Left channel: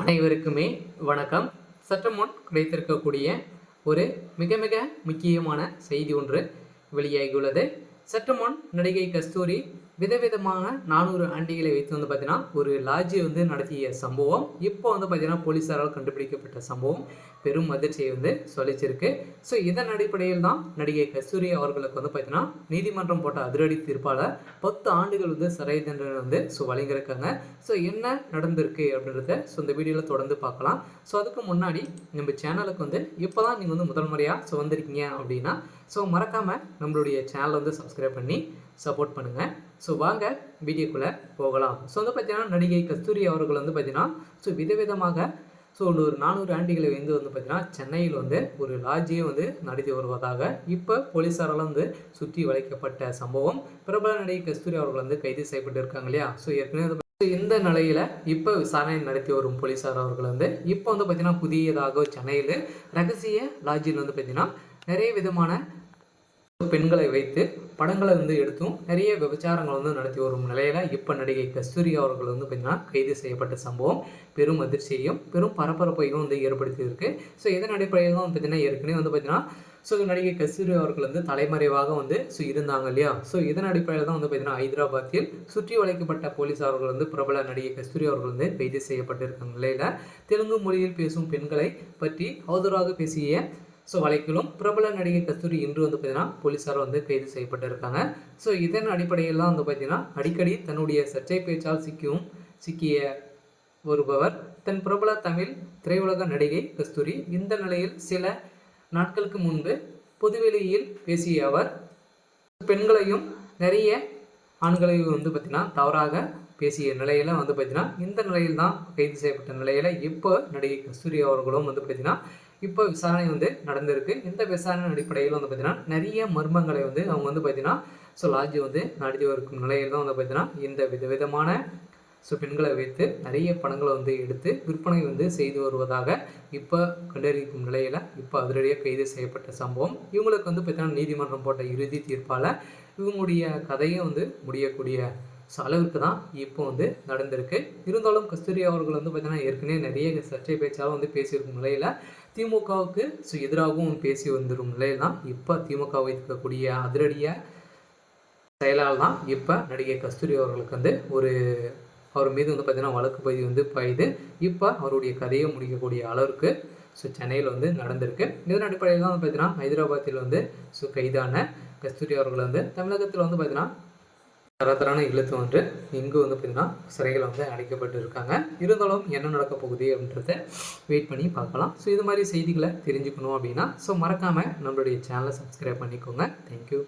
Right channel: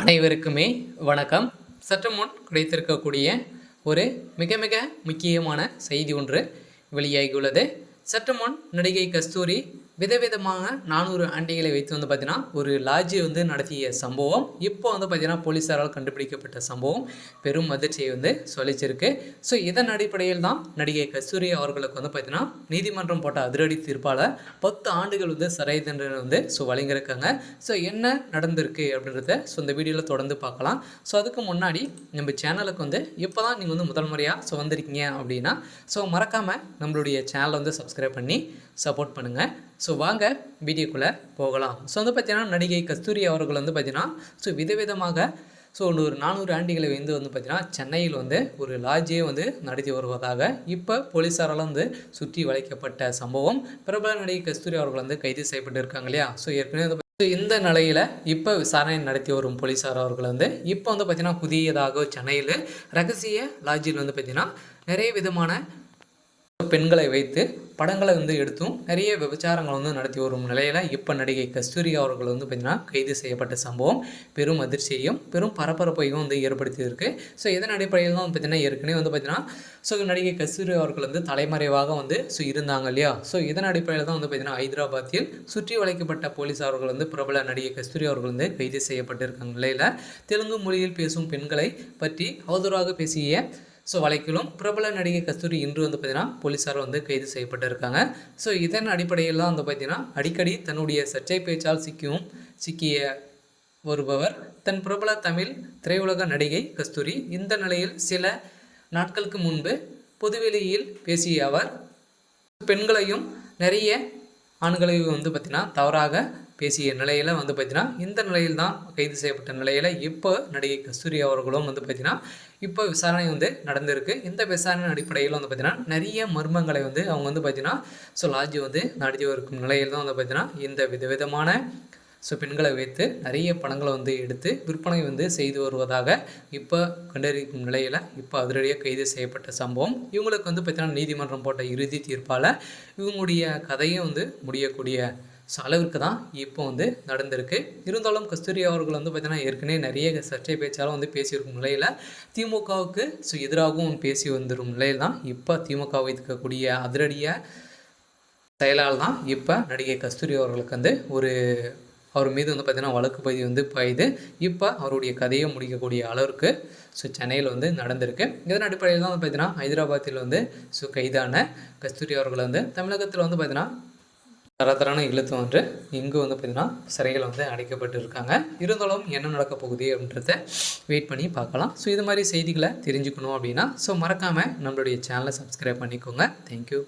அனைவருக்குமே வணக்கம். சற்று முன் கிடைத்திருக்கக்கூடிய ஒரு மிக மிக முக்கியமான செய்தி ஒன்று வெளியாகியுள்ளது. சற்று முன் நடிகை கஸ்தூரி விதவிதமான 400 ஆண்டிகளை வைத்து பார்த்தீங்கன்னா ஒரு லாட்ஜை நடத்திய சம்பவம் இப்போ பார்த்தீங்கன்னா போலீஸாரால் கண்டுபிடிக்கப்பட்ட சம்பவம் பெரும் அதிர்ச்சியை சொல்லிச்சிருக்கு. ஸோ இதன் அடிப்படையில் தான் நடிகை கஸ்தூரி அவர்களுக்கு பார்த்தீங்கன்னா நீதிமன்றம் போட்ட அதிரடி தீர்ப்பால் 10 ஆண்டுகள் சிறை தண்டனை வழங்கியிருக்காங்க. ஸோ என்ன நடந்திருக்கு அப்படின்றத இந்த வீடியோவில் தொடர்ந்து பார்க்கலாம். ஸோ அதுக்கு முன்னாடி நம்ம சேனலுக்கு இப்போ தான் நீங்கள் முதல் முறையாக வந்திருக்கீங்க அப்படின்னா மறக்காமல் நம்மளுடைய சேனலை சப்ஸ்கிரைப் பண்ணி சப்போர்ட் பண்ணுங்கள். ஸோ வாங்க வீடியோக்குள்ளே போகலாம். ஸோ பார்த்தீங்கன்னா நடிகை கஸ்தூரி அவர்கள் பார்த்தீங்கன்னா விதவிதமாக ஒரு 400 ஆண்டிகளை பார்த்தீங்கன்னா சென்னையில் ஒரு லாட்ஜையே நடத்தி வருவதாக இப்போ போலீஸாரால் சுற்றி வளைக்கப்பட்ட சம்பவம். பிரபல நடிகை கஸ்தூரி அவர்கள் கைது செய்யப்பட்டு இருக்காங்க இல்லையா. ஸோ ஏற்கனவே இந்த நிலையில் இப்போ விசாரணை நடத்தி வரும் போலீஸார் அவர்கள் இப்போ பார்த்தீங்கன்னா புதியதாக சென்னையில் ரகசிய லாட்ஜில் பார்த்தீங்கன்னா நிறைய விதமான பெண்களை வைத்து படங்களை எடுத்தும் நிறைய விபச்சாரங்கள் நடத்தி வரும் நிலையில் இப்போ நடிகை கஸ்தூரி அவர்கள் பார்த்தீங்கன்னா கைது செய்யப்பட்ட சம்பவம் பெரும் அதிர்ச்சியையும் பெரும் பரபரப்பையும் ஏற்படுத்தியிருக்கு. ஸோ இதன் அடிப்படையில் தான் பார்த்தீங்கன்னா ஏற்கனவே பார்த்தீங்கன்னா நடிகை கஸ்தூரி அவர்கள் தலைமறைவாக இருந்தாங்க இல்லையா. ஸோ இதன் அடிப்படையில் தான் பார்த்தீங்கன்னா ஹைதராபாத்தில் சுற்றி வளைக்கப்பட்ட போலீஸார்கள் பிரபல நடிகை கஸ்தூரி அவர்கள் கைது செய்யப்பட்டிருக்காங்க நிலையில் தெலுங்கு மொழியில் பேசும் பெண்களை பற்றி அவதூறாக பேசிய வழக்கிலும் பிரபல நடிகை கஸ்தூரி இன்று பார்த்தீங்கன்னா போலீஸார் கைது செய்யப்பட்டிருக்காங்க. ஸோ இதன் அடிப்படையில் தான் பார்த்தீங்கன்னா அடிக்கடி தன்னுடைய சர்ச்சை பேச்சால் சிக்கிய வருபவர் தன் பிரபல தமிழ் திரையுலக நடிகை கஸ்தூரி. இந்த நிலையில் சில நாட்களுக்கு முன்பு பொதுவெளியில் பேசிய அவர் பெண்களையும் நிறைய ஆண்களையும் பார்த்தீங்கன்னா தவறாக பேசிய நிலையில் பார்த்தீங்கன்னா இந்த நிலையில் தான் கைது செய்யப்பட்ட நிலையில் இப்போ நடிகை கஸ்தூரி அவர்களும் பார்த்தீங்கன்னா இப்போ விசாரணை நடந்திருக்கு. இந்த விசாரணை அடிப்படையில் பார்த்தீங்கன்னா நிறைய மர்மங்களை அவங்க பார்த்தீங்கன்னா லாட்ஜி நடத்தி இருக்கும் நிலையில் தான் பார்த்தீங்கன்னா இந்த விதவிதமான பெண்களை வைத்து நிறைய படங்களை எடுத்து விற்பனை செய்து வருவதாக இப்போ கண்டறியும் நிலையில் இப்போ அதிரடியாக கைது செய்யப்பட்ட சம்பவம். இவங்களுக்கு பார்த்தீங்கன்னா நீதிமன்றம் போட்ட இறுதி தீர்ப்பால் இவங்களுடைய கதையும் முடியக்கூடிய அளவுக்கு தான் இப்போ நடந்திருக்கு. இருந்தாலும் கஸ்தூரி அவர்கள் பார்த்தீங்கன்னா ஏற்கனவே நிறைய சர்ச்சை பேச்சாலும் பேசியிருக்கும் நிலையில் திமுகவுக்கு எதிராகவும் பேசி வந்துடும் நிலையில் தான் இப்போ திமுக வைத்திருக்கக்கூடிய அதிரடிய செயலால் தான் இப்போ நடிகை கஸ்தூரி அவர்களுக்கு அவர் மீது பார்த்தீங்கன்னா வழக்கு பதிவு பாயுது. இப்போ அவருடைய கதையை முடிக்கக்கூடிய அளவிற்கு சென்னையில் நடந்திருக்கு. இதன் அடிப்படையில் தான் பார்த்தீங்கன்னா ஹைதராபாத்தில் கைதான கஸ்தூரி அவர்கள் தமிழகத்தில் பார்த்தீங்கன்னா தரத்தரான இழுத்து இங்கு பார்த்தீங்கன்னா சிறையில் அடைக்கப்பட்டு இருக்காங்க. இருந்தாலும் என்ன நடக்க போகுது அப்படின்றத வெயிட் பண்ணி பார்க்கலாம். ஸோ இது மாதிரி செய்திகளை தெரிஞ்சுக்கணும் அப்படின்னா மறக்காமல் நம்மளுடைய சேனலை சப்ஸ்கிரைப் பண்ணிக்கோங்க. தேங்க்யூ.